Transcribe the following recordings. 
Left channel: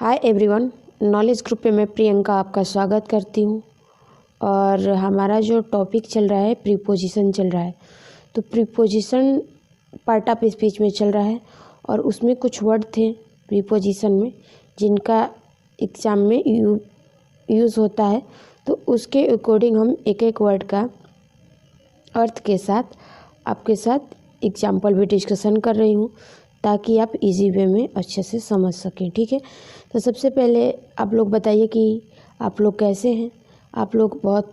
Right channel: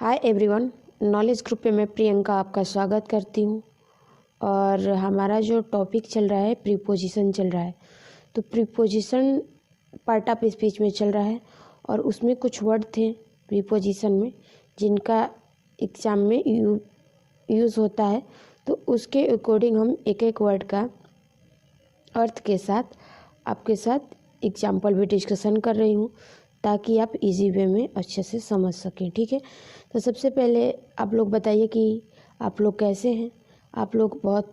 Hi everyone, knowledge group पे मैं प्रियंका आपका स्वागत करती हूँ। और हमारा जो टॉपिक चल रहा है प्रीपोजिशन चल रहा है। तो प्रीपोजिशन पार्ट ऑफ स्पीच में चल रहा है और उसमें कुछ वर्ड थे प्रीपोजिशन में जिनका एग्ज़ाम में यूज़ होता है। तो उसके अकॉर्डिंग हम एक एक वर्ड का अर्थ के साथ आपके साथ एग्जाम्पल भी डिस्कशन कर रही हूँ ताकि आप इजी वे में अच्छे से समझ सकें। ठीक है, तो सबसे पहले आप लोग बताइए कि आप लोग कैसे हैं। आप लोग बहुत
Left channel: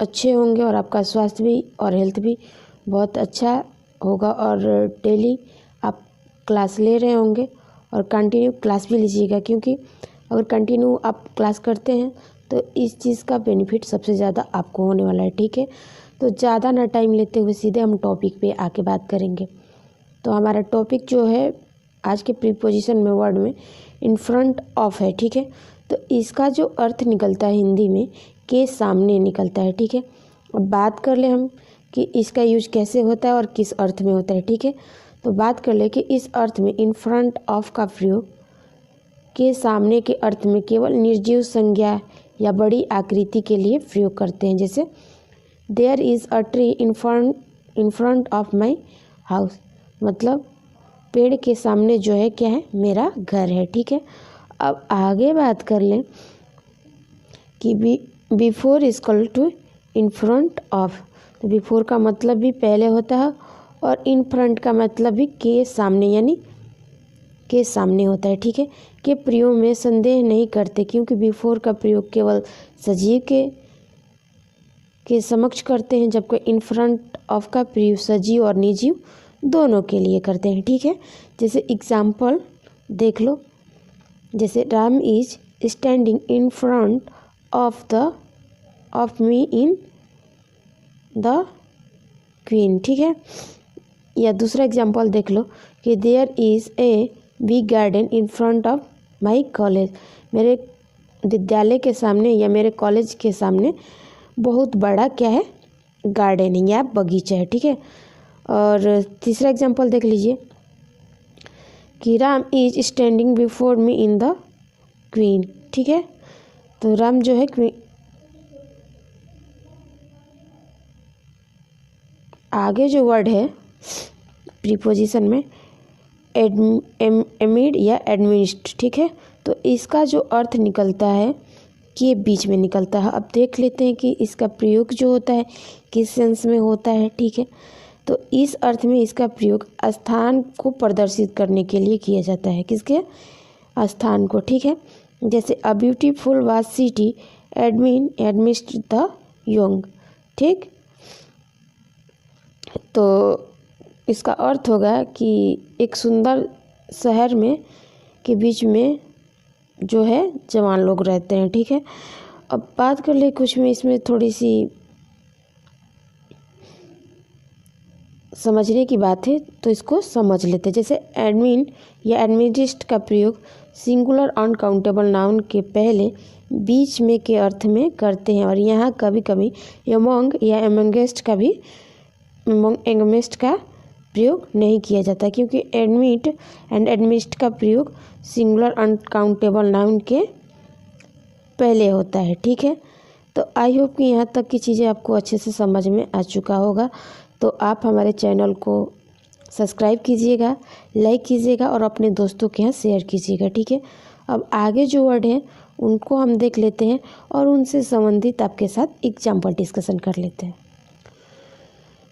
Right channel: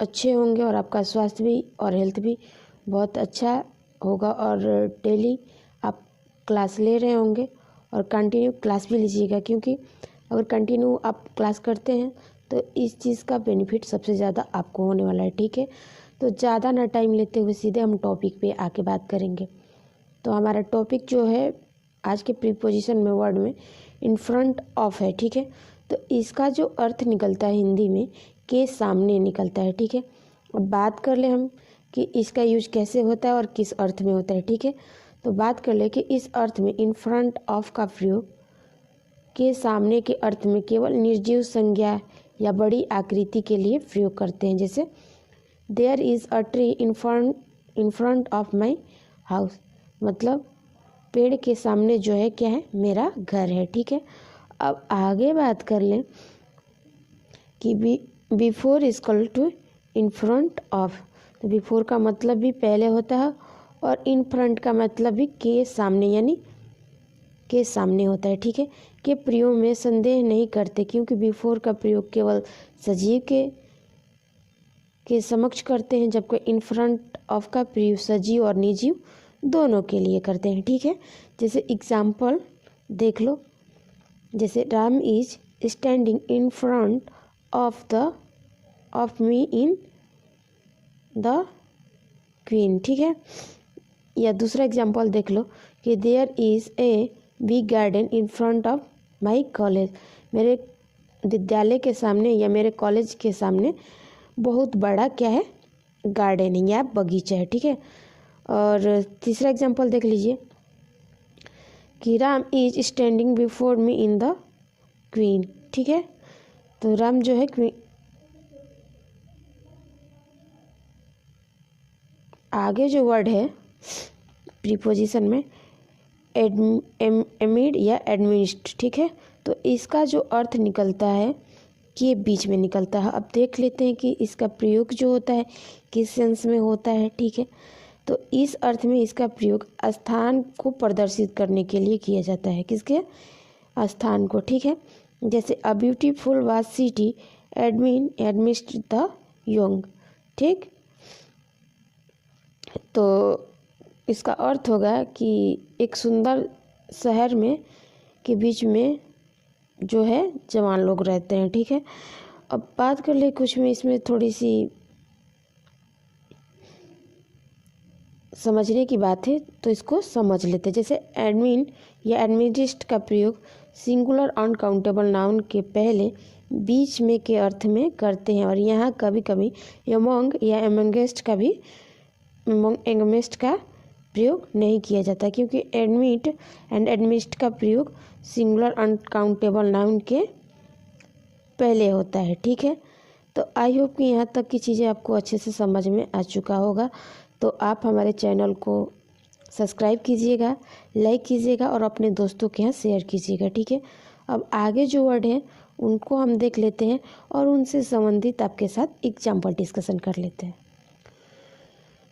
अच्छे होंगे और आपका स्वास्थ्य भी और हेल्थ भी बहुत अच्छा होगा और डेली आप क्लास ले रहे होंगे और कंटिन्यू क्लास भी लीजिएगा, क्योंकि अगर कंटिन्यू आप क्लास करते हैं तो इस चीज़ का बेनिफिट सबसे ज़्यादा आपको होने वाला है। ठीक है, तो ज़्यादा ना टाइम लेते हुए सीधे हम टॉपिक पे आके बात करेंगे। तो हमारा टॉपिक जो है आज के प्रीपोजिशन में वर्ड में इन फ्रंट ऑफ है। ठीक है, तो इसका जो अर्थ निकलता है हिंदी में के सामने निकलता है। ठीक है, अब बात कर ले हम कि इसका यूज कैसे होता है और किस अर्थ में होता है। ठीक है, तो बात कर ले कि इस अर्थ में इन फ्रंट ऑफ का प्रयोग के सामने के अर्थ में केवल निर्जीव संज्ञा या बड़ी आकृति के लिए प्रयोग करते हैं। जैसे there is a tree in front of my house, मतलब पेड़ के सामने जो है क्या है, मेरा घर है। ठीक है, अब आगे बात कर लें कि before equal to in front of. तो बिफोर का मतलब भी पहले होता है और इन फ्रंट का मतलब भी के सामने, यानी के सामने होता है। ठीक है, के प्रयोग में संदेह नहीं करते, क्योंकि बिफोर का प्रयोग केवल सजीव के समक्ष करते हैं, जबकि इन फ्रंट ऑफ का प्रयोग सजीव और निर्जीव दोनों के लिए करते हैं। ठीक है, जैसे एग्जाम्पल देख लो, जैसे Ram is standing in front of me in the queen. ठीक है, या दूसरा एग्जाम्पल देख लो कि there is a big garden in front of my college, मेरे विद्यालय के सामने या मेरे कॉलेज के सामने बहुत बड़ा क्या है, गार्डन या बगीचा है। ठीक है, और तीसरा एग्जाम्पल देख लीजिए कि Ram is standing before me in the queen. ठीक है, तो राम जो है आगे जो वर्ड है प्रीपोजिशन में एमिड या एडमिनिस्ट। ठीक है, तो इसका जो अर्थ निकलता है कि बीच में निकलता है। अब देख लेते हैं कि इसका प्रयोग जो होता है किस सेंस में होता है। ठीक है, तो इस अर्थ में इसका प्रयोग स्थान को प्रदर्शित करने के लिए किया जाता है, किसके स्थान को। ठीक है, जैसे a beautiful was city amidst the young. ठीक, तो इसका अर्थ होगा कि एक सुंदर शहर में के बीच में जो है जवान लोग रहते हैं। ठीक है, अब बात कर ले कुछ में इसमें थोड़ी सी समझने की बात है, तो इसको समझ लेते हैं। जैसे एडमिन या एडमिनिस्ट का प्रयोग सिंगुलर अनकाउंटेबल नाउन के पहले बीच में के अर्थ में करते हैं, और यहाँ कभी कभी एमंग या एमंगेस्ट का भी एंगमेस्ट का प्रयोग नहीं किया जाता, क्योंकि एडमिट एंड एडमिस्ट का प्रयोग सिंगुलर अनकाउंटेबल नाउन के पहले होता है। ठीक है, तो आई होप कि यहाँ तक की चीज़ें आपको अच्छे से समझ में आ चुका होगा। तो आप हमारे चैनल को सब्सक्राइब कीजिएगा, लाइक कीजिएगा और अपने दोस्तों के यहाँ शेयर कीजिएगा। ठीक है, अब आगे जो वर्ड हैं उनको हम देख लेते हैं और उनसे संबंधित आपके साथ एग्जाम्पल डिस्कशन कर लेते हैं।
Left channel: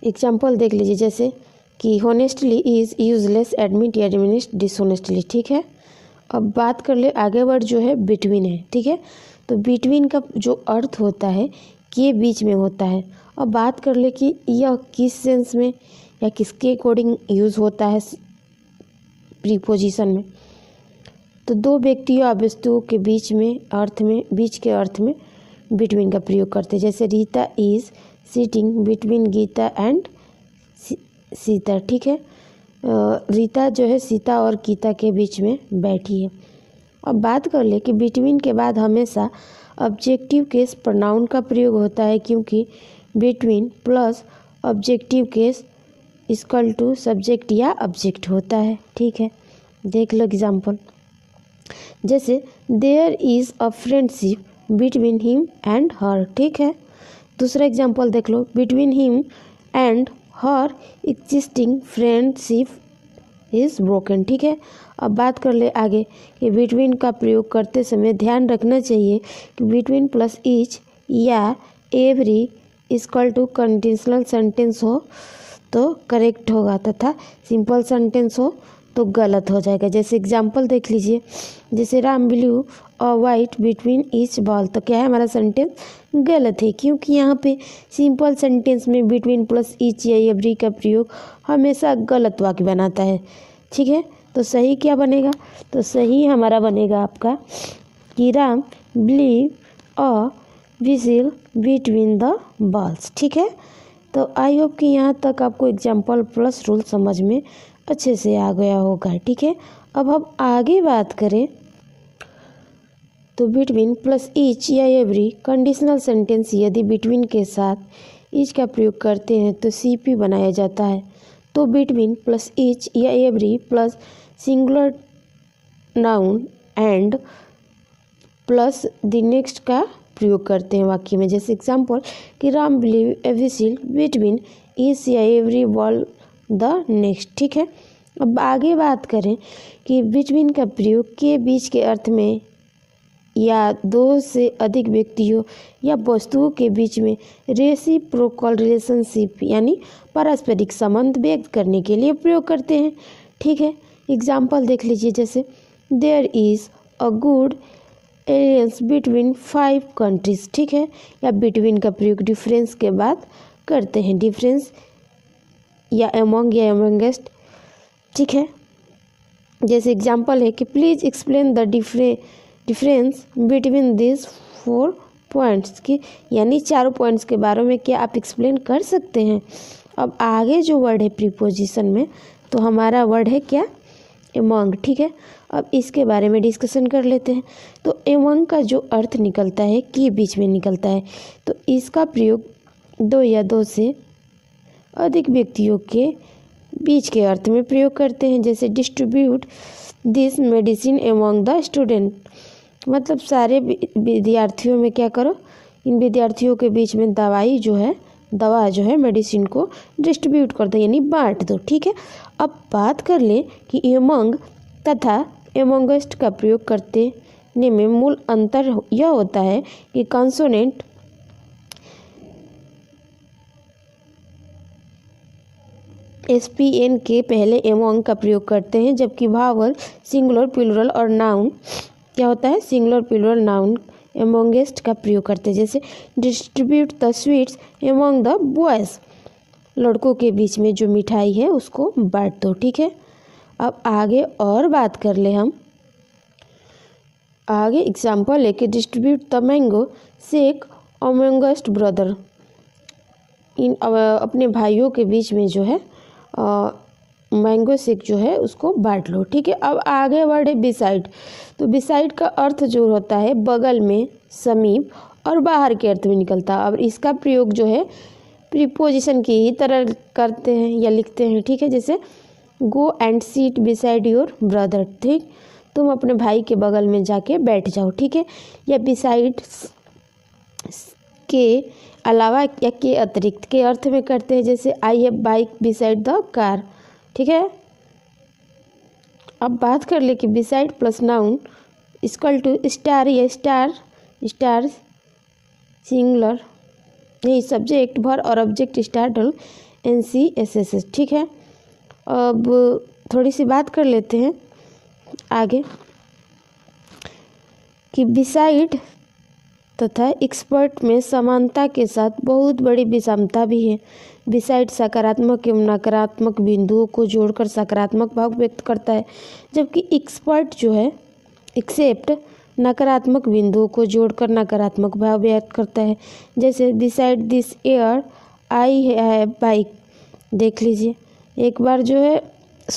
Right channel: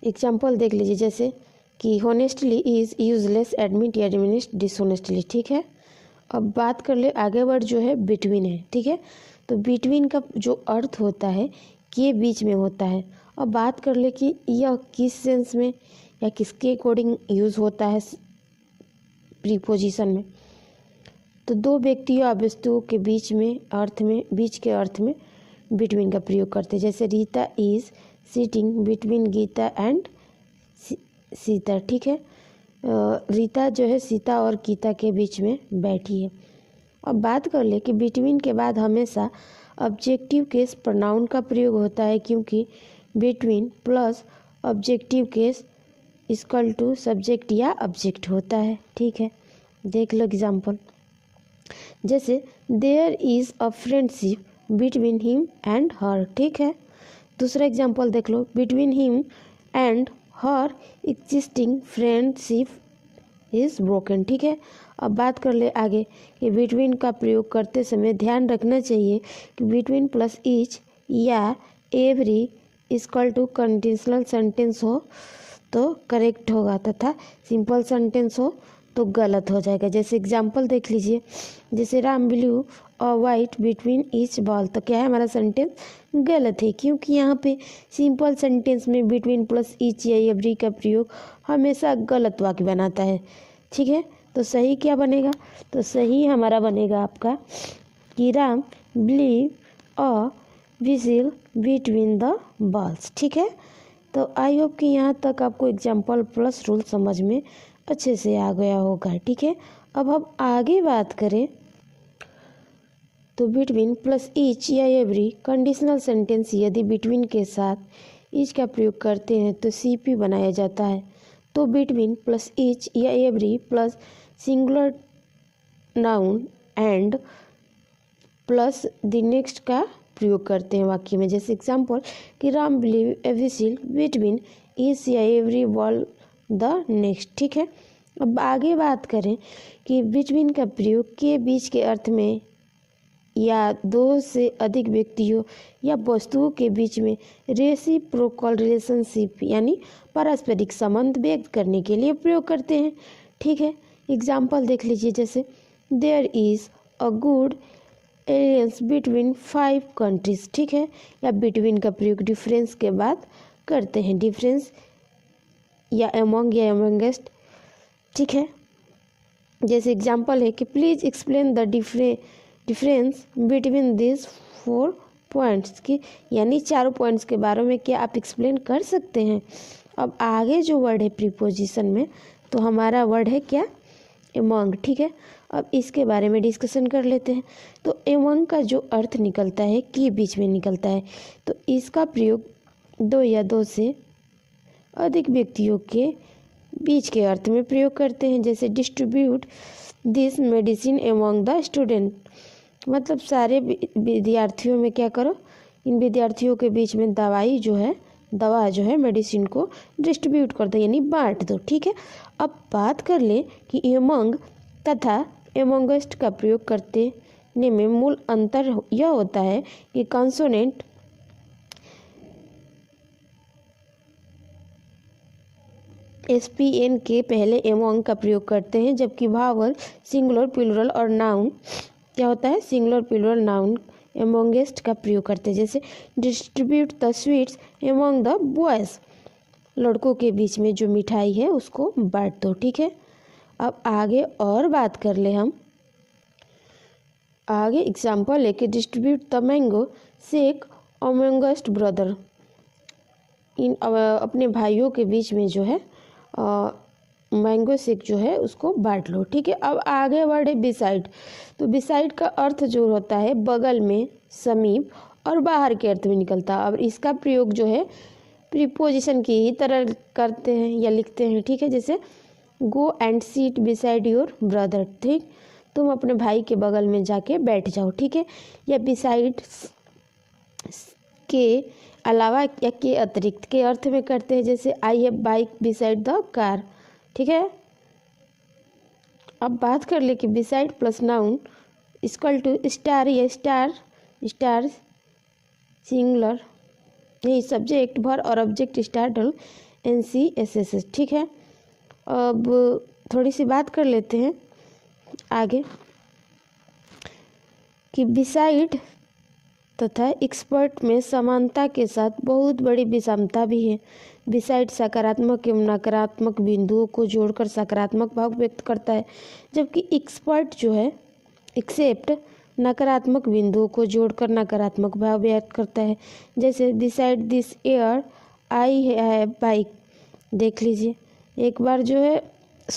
एग्जाम्पल देख लीजिए, जैसे कि होनेस्टली इज़ यूजलेस एडमिट या एडमिनिस्ट डिसऑनेस्टली। ठीक है, अब बात कर ले आगे वर्ड जो है बिटवीन है। ठीक है, तो बिटवीन का जो अर्थ होता है कि बीच में होता है। अब बात कर ले कि यह किस सेंस में या किसके अकॉर्डिंग यूज़ होता है प्रीपोजिशन में। तो दो व्यक्तियों या वस्तुओं के बीच में अर्थ में, बीच के अर्थ में बिटवीन का प्रयोग करते हैं। जैसे Rita is sitting between Gita and Sita. ठीक है, रीता जो है सीता और गीता के बीच में बैठी है। अब बात कर ले कि बिटवीन के बाद हमेशा ऑब्जेक्टिव केस प्रोनाउन का प्रयोग होता है, क्योंकि between plus objective case equal to subject या ऑब्जेक्ट होता है। ठीक है, देख लो एग्जाम्पल जैसे there is a friendship between him and her, ठीक है। दूसरा एग्जाम्पल देख लो, between him and her existing friendship is broken, ठीक है। अब बात कर ले आगे कि बिटवीन का प्रयोग करते समय ध्यान रखना चाहिए कि बिटवीन प्लस ईच या every equal to conditional sentence हो तो करेक्ट होगा, तथा सिंपल सेंटेंस हो तो गलत हो जाएगा। जैसे एग्जाम्पल देख लीजिए, जैसे राम ब्लू और वाइट बिटवीन ईच बॉल, तो क्या है हमारा सेंटेंस गलत है, क्योंकि यहाँ पे सिंपल सेंटेंस में बिटवीन प्लस ईच या एवरी का प्रयोग हमेशा गलत वाक्य बनाता है, ठीक है। तो सही क्या बनेगा, तो सही हमारा बनेगा आपका कि राम ब्लीव अ विजिल बिटवीन द बॉल्स, ठीक है। तो आई होप कि यहाँ तक आपको एग्जाम्पल प्लस रूल समझ में अच्छे से आ गया होगा, ठीक है। अब हम आगे बात करें तो बिटवीन प्लस ईच या एवरी कंडीशनल सेंटेंस यदि बिटवीन के साथ ईच का प्रयोग करते हैं तो सीपी बनाया जाता है। तो बिटवीन प्लस ईच या every plus singular noun and plus the next का प्रयोग करते हैं वाक्य में। जैसे एग्जाम्पल कि राम बिलीव ए विजिल बिटवीन ईच या एवरी बॉल द नेक्स्ट, ठीक है। अब आगे बात करें कि बिटवीन का प्रयोग के बीच के अर्थ में या दो से अधिक व्यक्तियों या वस्तुओं के बीच में रेसिप्रोकल रिलेशनशिप यानी पारस्परिक संबंध व्यक्त करने के लिए प्रयोग करते हैं, ठीक है। एग्जाम्पल देख लीजिए, जैसे there is a good alliance between 5 countries, ठीक है। या बिटवीन का प्रयोग डिफरेंस के बाद करते हैं, डिफरेंस या अमंग या अमंगेस्ट, ठीक है। जैसे एग्जाम्पल है कि please explain the difference between this 4 points, की यानी 4 पॉइंट्स के बारे में क्या आप एक्सप्लेन कर सकते हैं। अब आगे जो वर्ड है प्रीपोजिशन में, तो हमारा वर्ड है क्या, एमंग, ठीक है। अब इसके बारे में डिस्कशन कर लेते हैं। तो एमंग का जो अर्थ निकलता है कि बीच में निकलता है, तो इसका प्रयोग दो या दो से अधिक व्यक्तियों के बीच के अर्थ में प्रयोग करते हैं। जैसे distribute this medicine among the student, मतलब सारे विद्यार्थियों में क्या करो, इन विद्यार्थियों के बीच में दवा जो है मेडिसिन को डिस्ट्रीब्यूट कर दो यानी बांट दो, ठीक है। अब बात कर ले कि एमंग तथा एमंगस्ट का प्रयोग करते में मूल अंतर यह होता है कि कॉन्सोनेंट SPN के पहले एमंग का प्रयोग करते हैं, जबकि भावल सिंगुलर प्लूरल और नाउन क्या होता है, सिंगुलर प्लूरल नाउन एमंगेस्ट का प्रयोग करते हैं। जैसे distribute the sweets among the boys, लड़कों के बीच में जो मिठाई है उसको बांट दो, ठीक है। अब आगे और बात कर ले हम, आगे एग्जाम्पल है कि distribute the mango shake amongst brother, इन अपने भाइयों के बीच में जो है मैंगो शेक जो है उसको बांट लो, ठीक है। अब आगे वर्ड है बिसाइड, तो बिसाइड का अर्थ जो होता है बगल में, समीप और बाहर के अर्थ में निकलता है। और इसका प्रयोग जो है प्रीपोजिशन की ही तरह करते हैं या लिखते हैं, ठीक है। जैसे go and seat beside your brother, ठीक, तुम अपने भाई के बगल में जाके बैठ जाओ, ठीक है। या बिसाइड के अलावा या के अतिरिक्त के अर्थ में करते हैं। जैसे I have bike beside the car, ठीक है। अब बात कर ले कि beside plus noun equal to star या स्टार सिंगुलर नहीं सब्जेक्ट भर और ऑब्जेक्ट स्टार NCSS, ठीक है। अब थोड़ी सी बात कर लेते हैं आगे कि बिसाइड तथा एक्सपर्ट में समानता के साथ बहुत बड़ी विषमता भी है। बिसाइड सकारात्मक एवं नकारात्मक बिंदुओं को जोड़कर सकारात्मक भाव व्यक्त करता है, जबकि एक्सपर्ट जो है एक्सेप्ट नकारात्मक बिंदुओं को जोड़कर नकारात्मक भाव व्यक्त करता है। जैसे beside this air I have bike, देख लीजिए एक बार जो है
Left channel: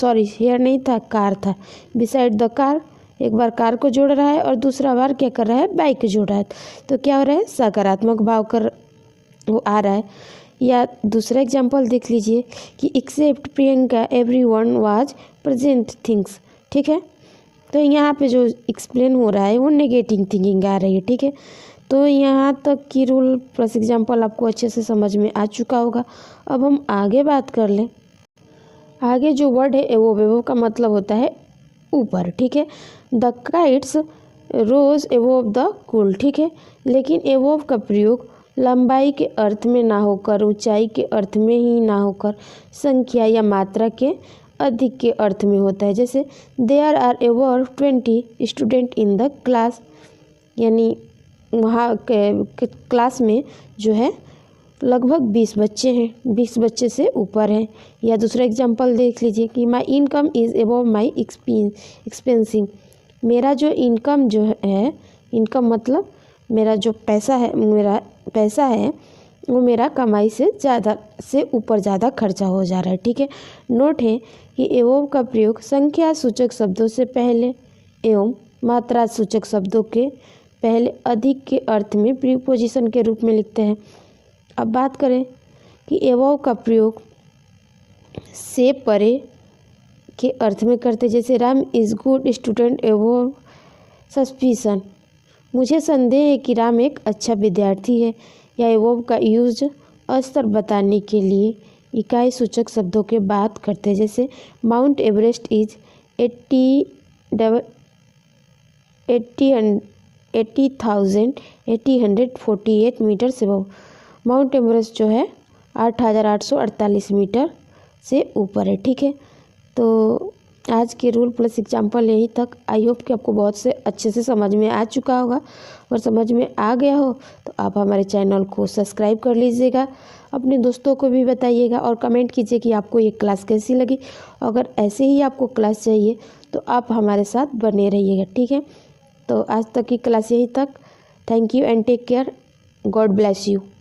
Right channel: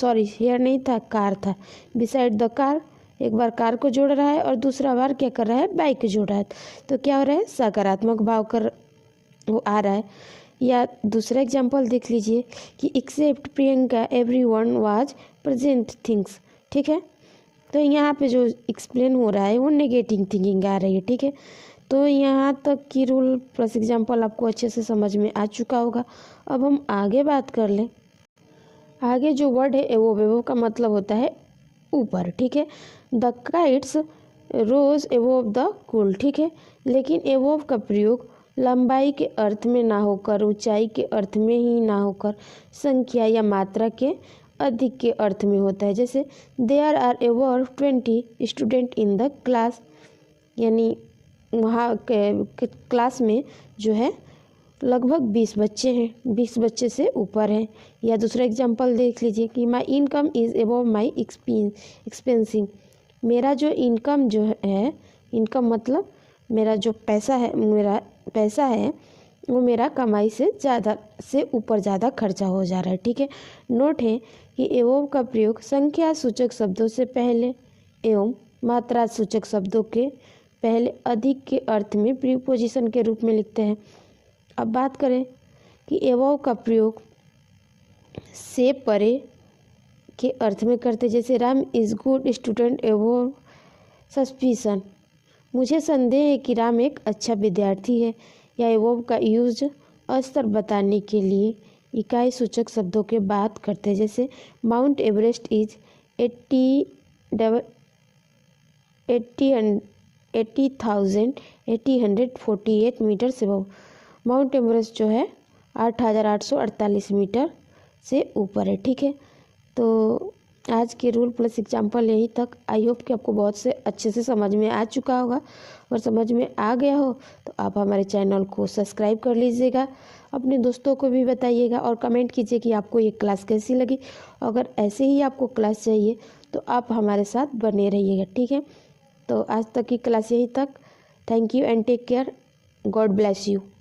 एयर नहीं था, कार था, बिसाइड द कार एक बार कार को जोड़ रहा है और दूसरा बार क्या कर रहा है, बाइक को जोड़ रहा है, तो क्या हो रहा है, सकारात्मक भाव कर वो आ रहा है। या दूसरा एग्जांपल देख लीजिए कि except Priyanka everyone was present things, ठीक है। तो यहाँ पे जो एक्सप्लेन हो रहा है वो नेगेटिव थिंकिंग आ रही है, ठीक है। तो यहाँ तक की रूल प्लस एग्जाम्पल आपको अच्छे से समझ में आ चुका होगा। अब हम आगे बात कर लें। आगे जो वर्ड है एवोव का मतलब होता है ऊपर, ठीक है। The kites rose above the cool, ठीक है। लेकिन एवोव का प्रयोग लंबाई के अर्थ में ना होकर, ऊंचाई के अर्थ में ही ना होकर, संख्या या मात्रा के अधिक के अर्थ में होता है। जैसे there are above 20 student in the class, यानी वहाँ के क्लास में जो है लगभग 20 बच्चे हैं, 20 बच्चे से ऊपर हैं। या दूसरा एग्जांपल देख लीजिए कि माई इनकम इज़ एबव माई एक्सपेंसिंग, मेरा जो इनकम जो है, इनकम मतलब मेरा जो पैसा है, मेरा पैसा है वो मेरा कमाई से ज़्यादा से ऊपर ज़्यादा खर्चा हो जा रहा है, ठीक है। नोट है कि एवोव का प्रयोग संख्या सूचक शब्दों से पहले एवं मात्रा सूचक शब्दों के पहले अधिक के अर्थ में प्रीपोजिशन के रूप में लिखते हैं। अब बात करें कि एवोव का प्रयोग से परे के अर्थ में करते, जैसे Ram is good student above suspicion, मुझे संदेह है कि राम एक अच्छा विद्यार्थी है। या एवोव का यूज स्तर बताने के लिए इकाई सूचक शब्दों के बात करते हैं, जैसे माउंट एवरेस्ट इज 80,848 मीटर से एबव, माउंट एवरेस्ट जो है 8,848 मीटर से ऊपर है, ठीक है। तो आज के रूल प्लस एग्जाम्पल यहीं तक। आई होप कि आपको बहुत से अच्छे से समझ में आ चुका होगा, और समझ में आ गया हो तो आप हमारे चैनल को सब्सक्राइब कर लीजिएगा, अपने दोस्तों को भी बताइएगा और कमेंट कीजिए कि आपको ये क्लास कैसी लगी। अगर ऐसे ही आपको क्लास चाहिए तो आप हमारे साथ बने रहिएगा, ठीक है। तो आज तक की क्लास यहीं तक। Thank you and take care. God bless you.